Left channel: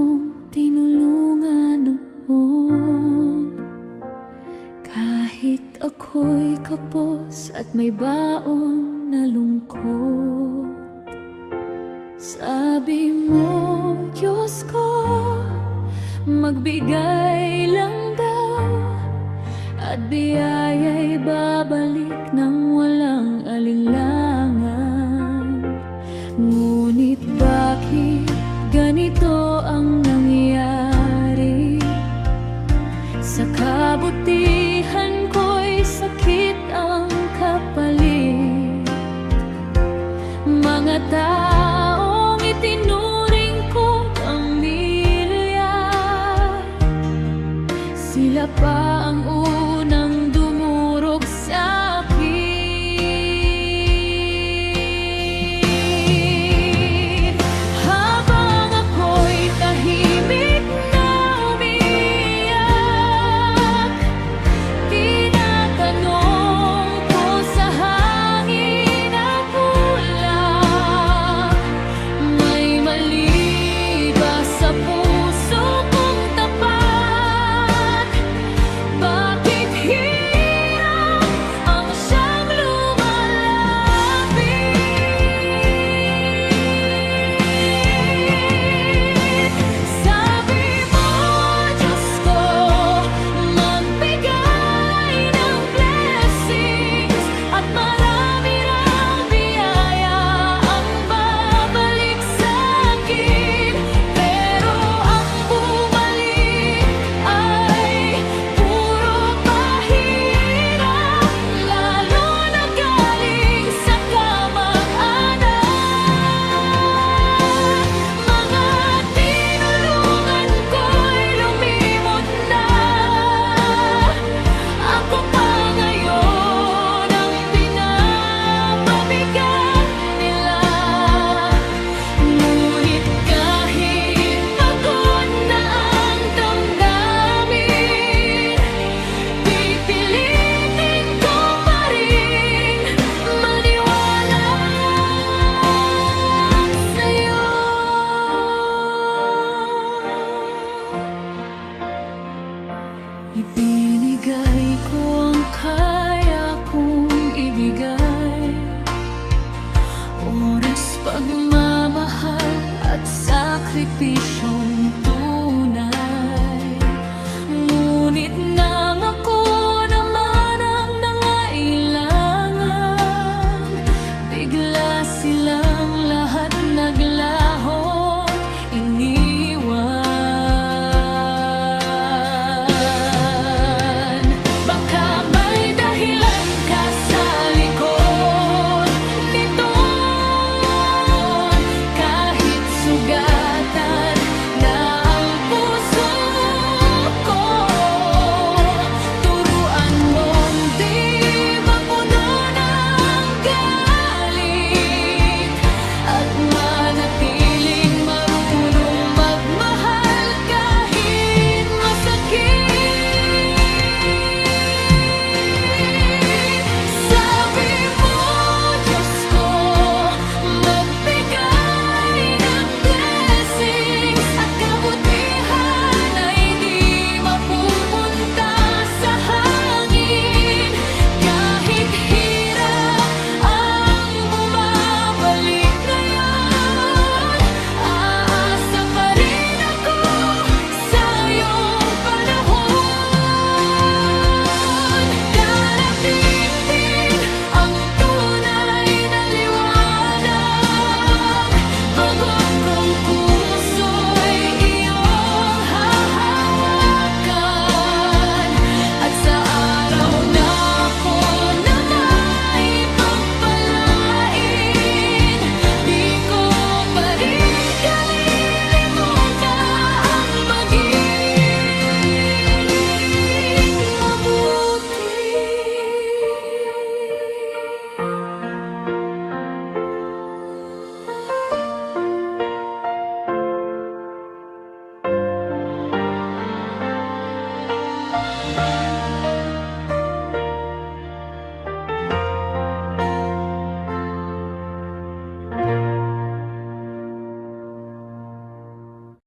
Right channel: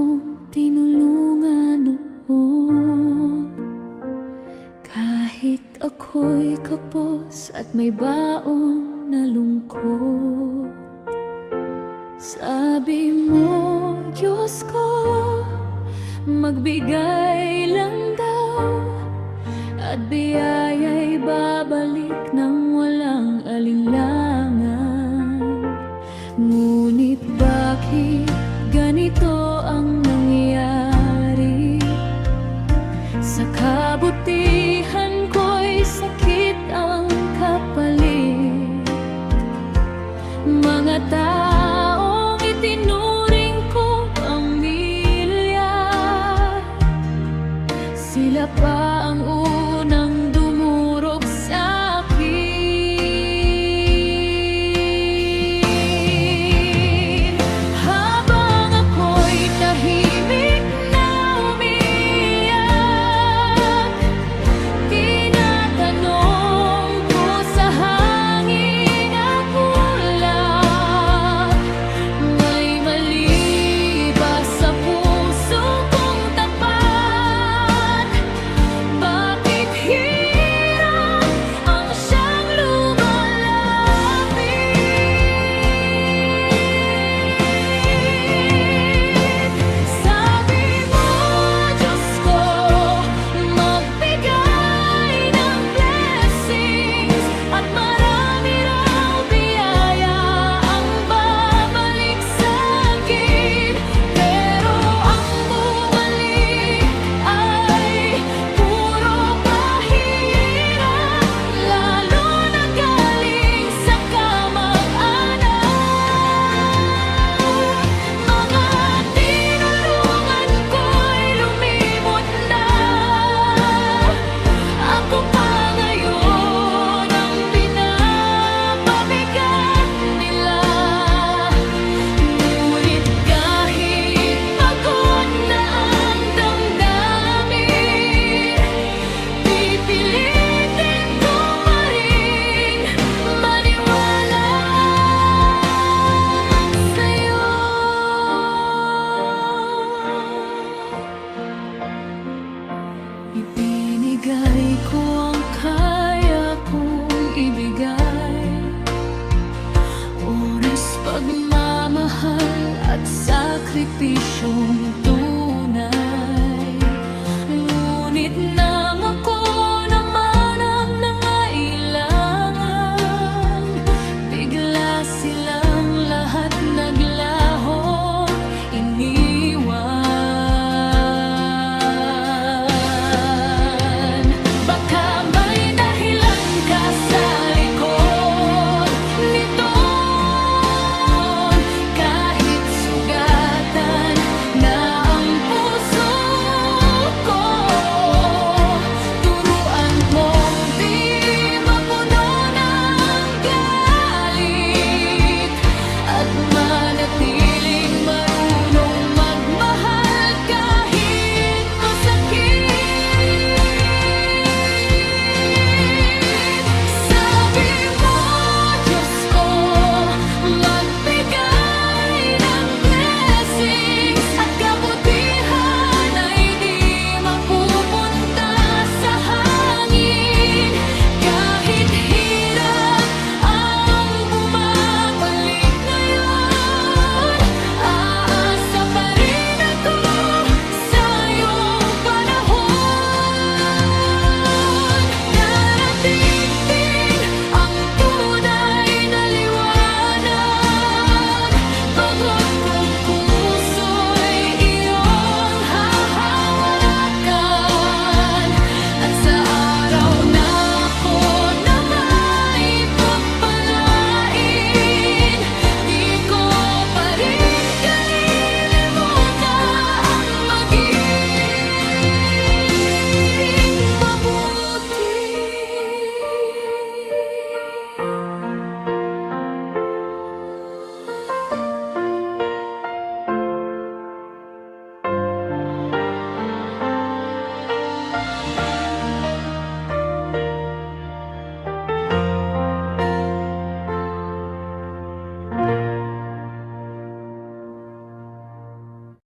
akong tinulungan noon. Kahit ako'y kapos at may baon na lungkot, sabi mo, Diyos ko, magbigay lang daw, at biyaya'y babalik ng walang alinlangan. Ngunit bakit ganito ang nangyari? Sa kabutihan ko'y sakit ang kapalit. Mga taong itinuring ko pamilya, sila pa ang unang dumurog sa akin. Habang ako'y tahimik na umiiyak, tinatanong ko sa hangin at ulap, may mali ba sa puso kong tapat? Bakit hirap ang siyang lumalapit? Sabi mo, Diyos ko, magbigay ng blessings, at marami raw biyaya ang babalik sa'kin. Pero ang bumalik ay puro pahirap, lalo na galing sa kamag-anak. Mga tinulungan ko'y lumimot na, ako pa ngayon ang pinapabigat nila. Ngunit kahit pagod na ang damdamin, pipilitin ko pa ring maniwala sa'yo. Ibinigay ko ang kaya kong ibigay, oras, pagmamahal at sakripisyong tunay. Ngunit na